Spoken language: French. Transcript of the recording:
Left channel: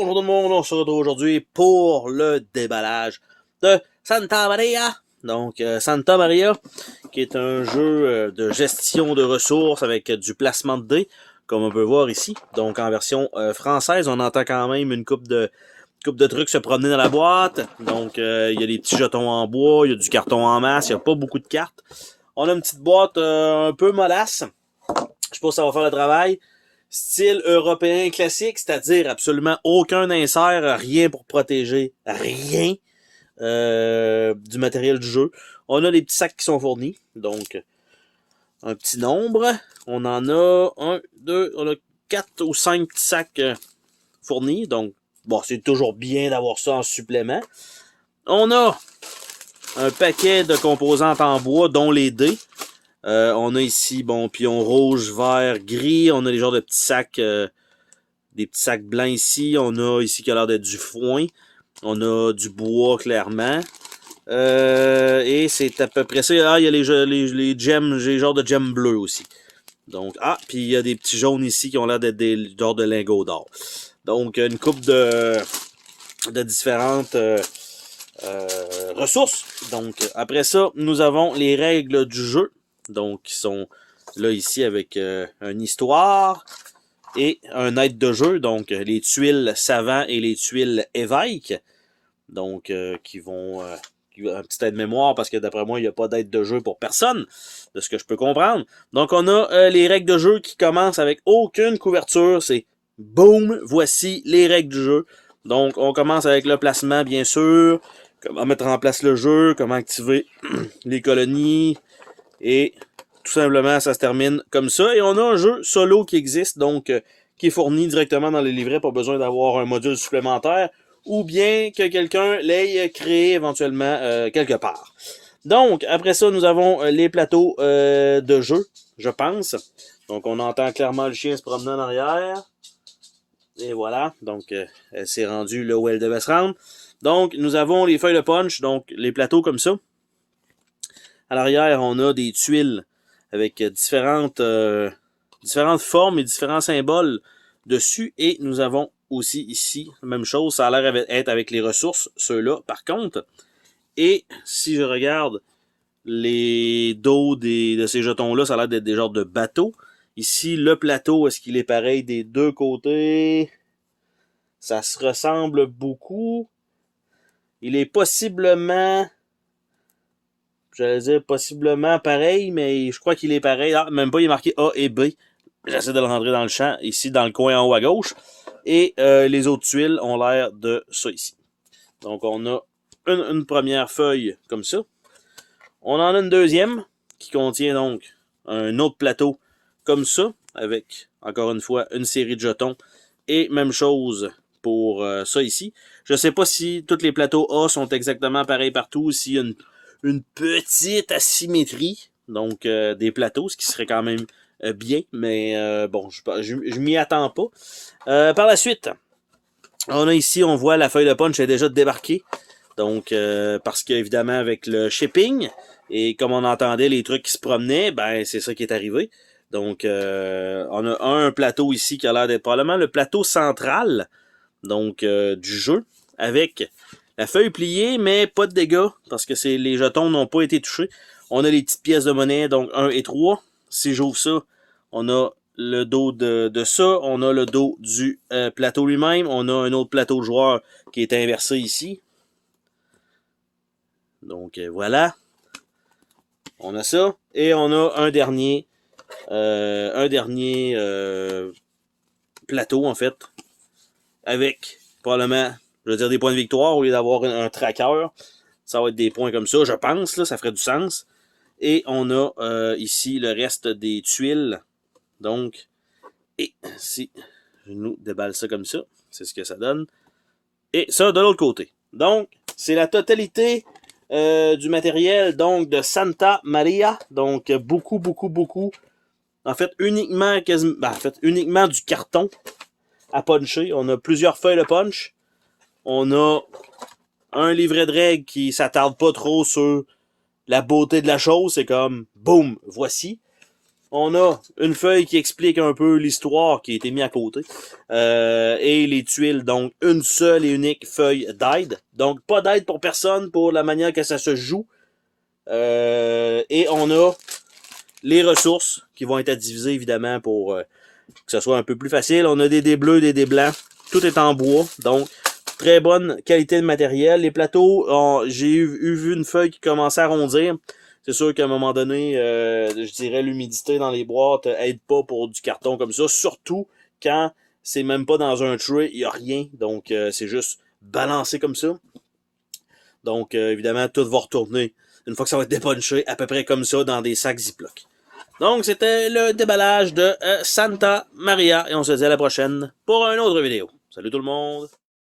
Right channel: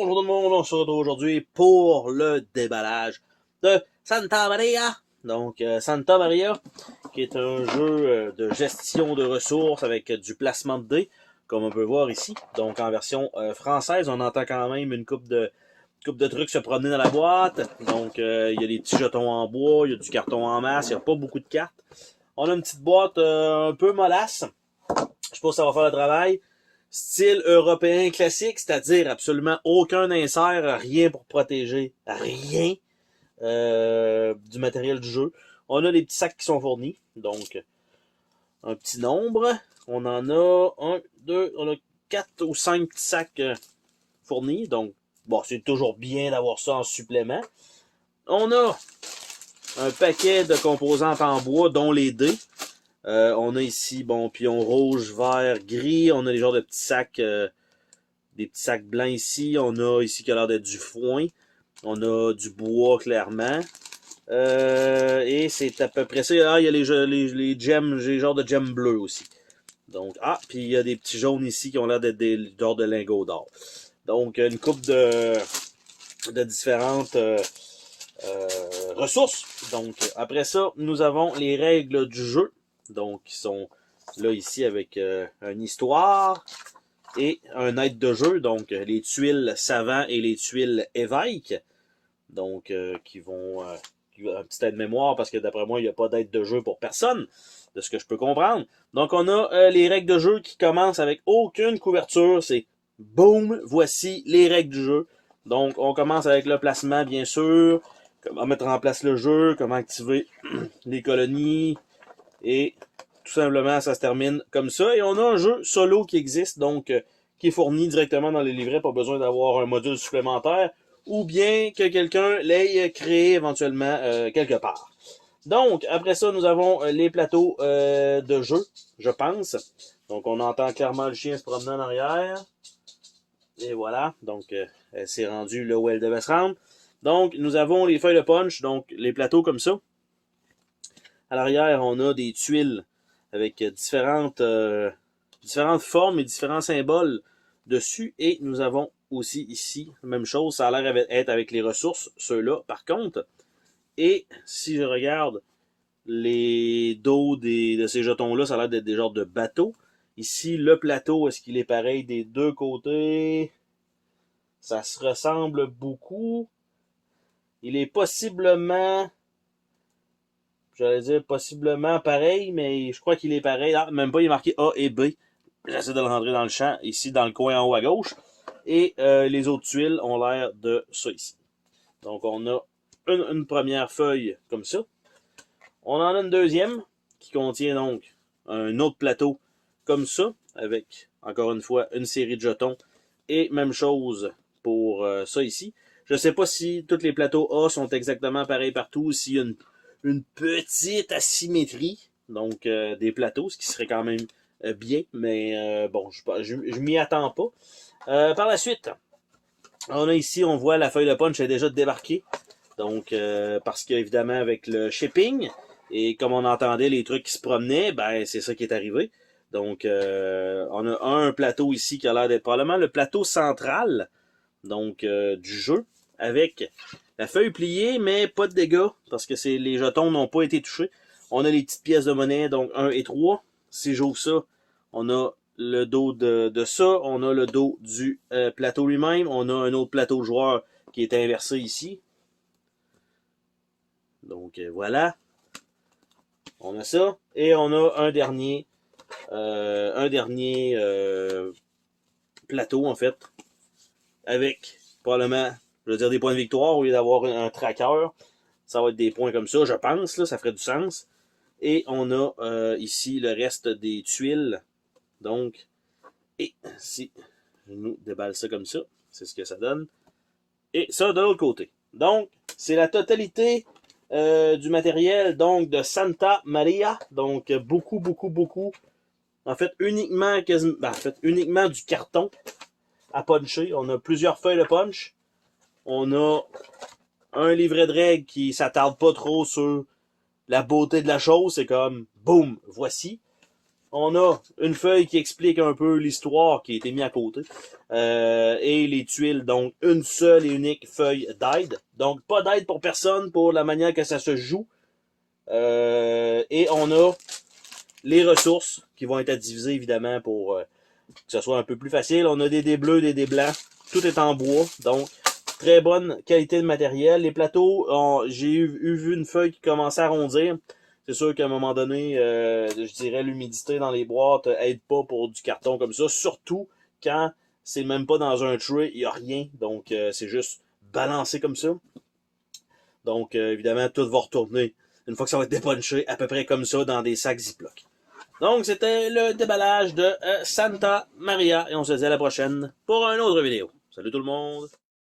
Bonjour tout le monde, on se retrouve aujourd'hui pour le déballage de Santa Maria. Donc, Santa Maria, qui est un jeu de gestion de ressources avec du placement de dés, comme on peut voir ici. Donc, en version française, on entend quand même une coupe de trucs se promener dans la boîte. Donc, il y a des petits jetons en bois, il y a du carton en masse, il n'y a pas beaucoup de cartes. On a une petite boîte un peu mollasse. Je sais pas si ça va faire le travail. Style européen classique, c'est-à-dire absolument aucun insert, rien pour protéger, rien du matériel du jeu. On a des petits sacs qui sont fournis, donc un petit nombre. On en a on a 4 ou 5 petits sacs fournis, donc bon, c'est toujours bien d'avoir ça en supplément. On a un paquet de composantes en bois, dont les dés. On a ici, bon, pion rouge, vert, gris. On a les genres de petits sacs, des petits sacs blancs ici. On a ici qui a l'air d'être du foin. On a du bois, clairement. Et c'est à peu près ça. Ah, il y a les gemmes, les genres de gemmes bleues aussi. Donc, puis il y a des petits jaunes ici qui ont l'air d'être des genres de lingots d'or. Donc, une coupe de différentes ressources. Donc, après ça, nous avons les règles du jeu. Donc, qui sont là ici avec une histoire et un aide de jeu. Donc, les tuiles savants et les tuiles évêques. Donc, qui vont... un petit aide-mémoire parce que d'après moi, il n'y a pas d'aide de jeu pour personne, de ce que je peux comprendre. Donc, on a les règles de jeu qui commencent avec aucune couverture. C'est boum, voici les règles du jeu. Donc, on commence avec le placement, bien sûr. Comment mettre en place le jeu, comment activer les colonies. Et tout simplement, ça se termine comme ça. Et on a un jeu solo qui existe, donc qui est fourni directement dans les livrets, pas besoin d'avoir un module supplémentaire, ou bien que quelqu'un l'ait créé éventuellement quelque part. Donc, après ça, nous avons les plateaux de jeu, je pense. Donc, on entend clairement le chien se promener en arrière. Et voilà, donc elle s'est rendue là où elle devait se rendre. Donc, nous avons les feuilles de punch, donc les plateaux comme ça. À l'arrière, on a des tuiles avec différentes formes et différents symboles dessus. Et nous avons aussi ici, même chose, ça a l'air d'être avec les ressources, ceux-là, par contre. Et si je regarde les dos de ces jetons-là, ça a l'air d'être des genres de bateaux. Ici, le plateau, est-ce qu'il est pareil des deux côtés? Ça se ressemble beaucoup. Il est possiblement... J'allais dire possiblement pareil, mais je crois qu'il est pareil. Ah, même pas, il est marqué A et B. J'essaie de le rentrer dans le champ, ici dans le coin en haut à gauche. Et les autres tuiles ont l'air de ça ici. Donc on a une première feuille comme ça. On en a une deuxième qui contient donc un autre plateau comme ça, avec encore une fois une série de jetons. Et même chose pour ça ici. Je ne sais pas si tous les plateaux A sont exactement pareils partout, s'il y a une petite asymétrie, donc des plateaux, ce qui serait quand même bien, mais bon, je m'y attends pas. Par la suite, on a ici, on voit la feuille de punch est déjà débarquée, donc parce qu'évidemment avec le shipping, et comme on entendait les trucs qui se promenaient, ben c'est ça qui est arrivé. Donc on a un plateau ici qui a l'air d'être probablement le plateau central, donc du jeu, avec la feuille pliée, mais pas de dégâts, parce que les jetons n'ont pas été touchés. On a les petites pièces de monnaie, donc 1 et 3. Si j'ouvre ça, on a le dos de ça. On a le dos du plateau lui-même. On a un autre plateau de joueur qui est inversé ici. Donc voilà. On a ça. Et on a un dernier plateau, en fait, avec probablement, je veux dire, des points de victoire au lieu d'avoir un tracker. Ça va être des points comme ça, je pense, là, ça ferait du sens. Et on a ici le reste des tuiles. Donc, et si je nous déballe ça comme ça, c'est ce que ça donne. Et ça de l'autre côté. Donc, c'est la totalité du matériel donc de Santa Maria. Donc, beaucoup, beaucoup, beaucoup. En fait, uniquement du carton à puncher. On a plusieurs feuilles de punch. On a un livret de règles qui s'attarde pas trop sur la beauté de la chose. C'est comme, boum, voici. On a une feuille qui explique un peu l'histoire qui a été mise à côté. Et les tuiles, donc une seule et unique feuille d'aide. Donc pas d'aide pour personne pour la manière que ça se joue. Et on a les ressources qui vont être divisées évidemment pour que ce soit un peu plus facile. On a des dés bleus, des dés blancs. Tout est en bois. Donc très bonne qualité de matériel. Les plateaux, j'ai vu une feuille qui commençait à arrondir. C'est sûr qu'à un moment donné, je dirais l'humidité dans les boîtes aide pas pour du carton comme ça. Surtout quand c'est même pas dans un tray, il n'y a rien. Donc c'est juste balancé comme ça. Donc évidemment, tout va retourner une fois que ça va être dépunché à peu près comme ça dans des sacs Ziploc. Donc c'était le déballage de Santa Maria et on se dit à la prochaine pour une autre vidéo. Salut tout le monde!